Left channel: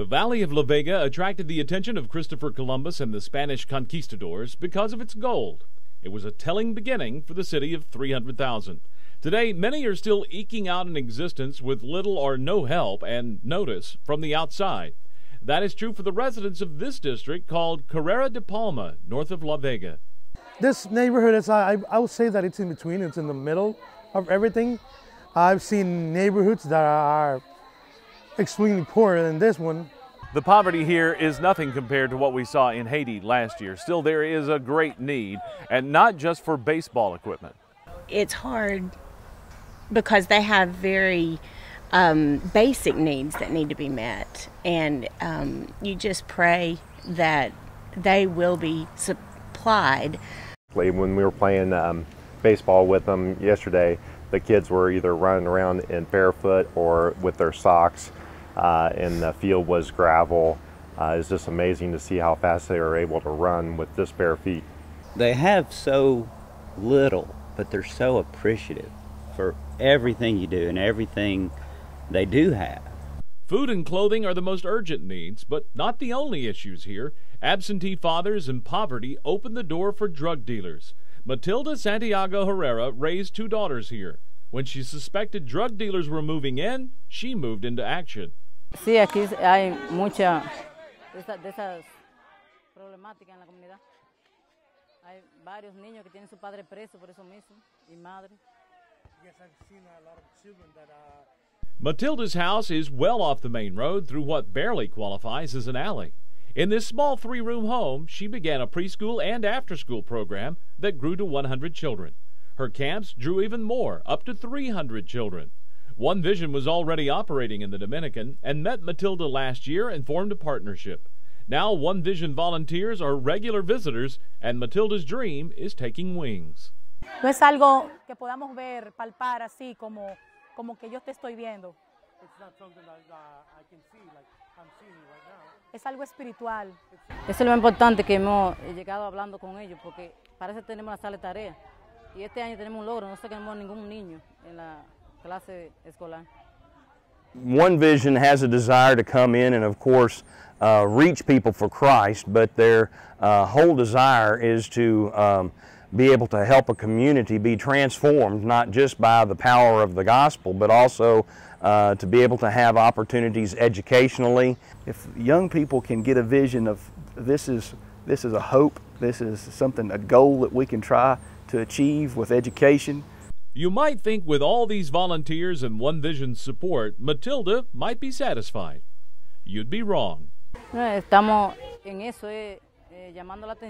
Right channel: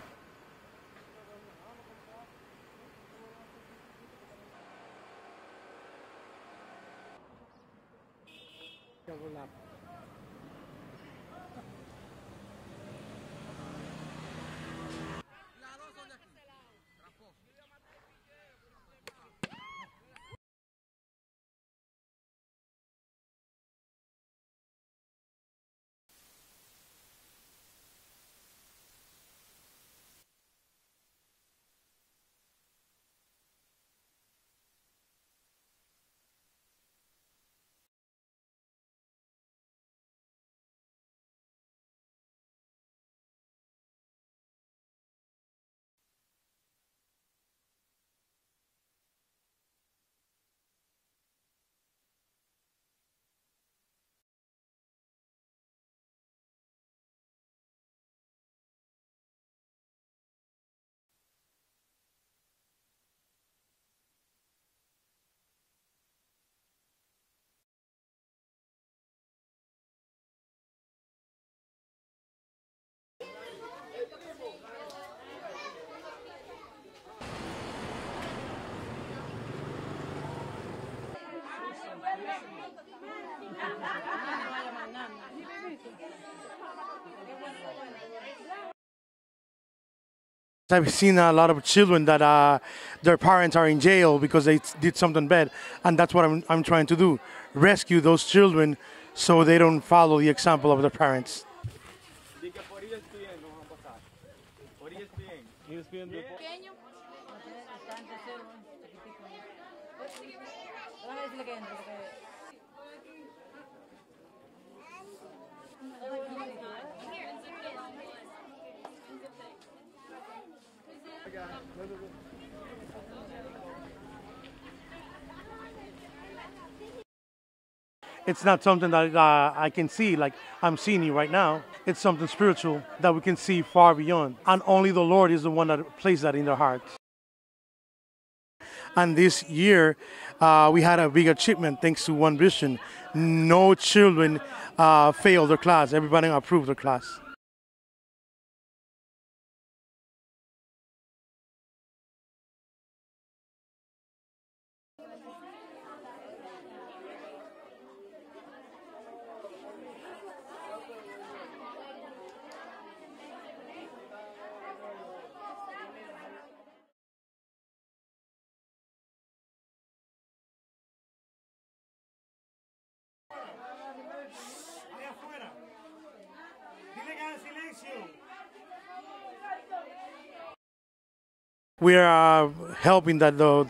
The Valley of La Vega attracted the attention of Christopher Columbus and the Spanish conquistadors because of its gold. It was a telling beginning for the city of 300,000. Today, many are still eking out an existence with little or no help and notice from the outside. That is true for the residents of this district called Carrera de Palma, north of La Vega. This neighborhood is, I would say that it's in between, it's in the middle of everything. I've seen neighborhoods that are extremely poorer than this one. The poverty here is nothing compared to what we saw in Haiti last year. Still, there is a great need, and not just for baseball equipment. It's hard because they have very basic needs that need to be met, and you just pray that they will be supplied. When we were playing baseball with them yesterday, the kids were either running around in barefoot or with their socks, and the field was gravel. It's just amazing to see how fast they are able to run with just bare feet. They have so little, but they're so appreciative for everything you do and everything they do have. Food and clothing are the most urgent needs, but not the only issues here. Absentee fathers and poverty open the door for drug dealers. Matilda Santiago Herrera raised 2 daughters here. When she suspected drug dealers were moving in, she moved into action. I've seen a lot of children that their parents are in jail because they did something bad, and that's what I'm trying to do, rescue those children so they don't follow the example of their parents. Matilda's house is well off the main road through what barely qualifies as an alley. In this small 3-room home, she began a preschool and after-school program that grew to 100 children. Her camps drew even more, up to 300 children. One Vision was already operating in the Dominican and met Matilda last year and formed a partnership. Now One Vision volunteers are regular visitors, and Matilda's dream is taking wings. It's not something that I can see like I'm seeing you right now. It's something spiritual that we can see far beyond. And only the Lord is the one that placed that in their hearts. And this year, we had a big achievement thanks to One Vision. No children failed their class. Everybody approved their class. One Vision has a desire to come in and, of course, reach people for Christ, but their whole desire is to be able to help a community be transformed, not just by the power of the gospel, but also to be able to have opportunities educationally. If young people can get a vision of this is a hope, this is something, a goal that we can try to achieve with education. You might think with all these volunteers and One Vision's support, Matilda might be satisfied. You'd be wrong. We are hoping that the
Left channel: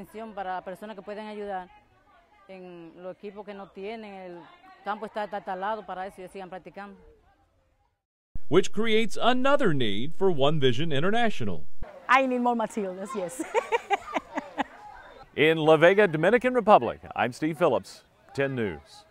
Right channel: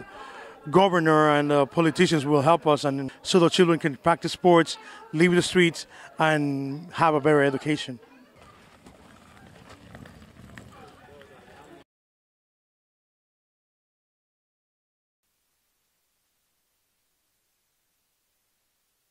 governor and the politicians will help us, and so the children can practice sports, leave the streets, and have a better education. Which creates another need for One Vision International. I need more Matildas, yes. In La Vega, Dominican Republic, I'm Steve Phillips, 10 News.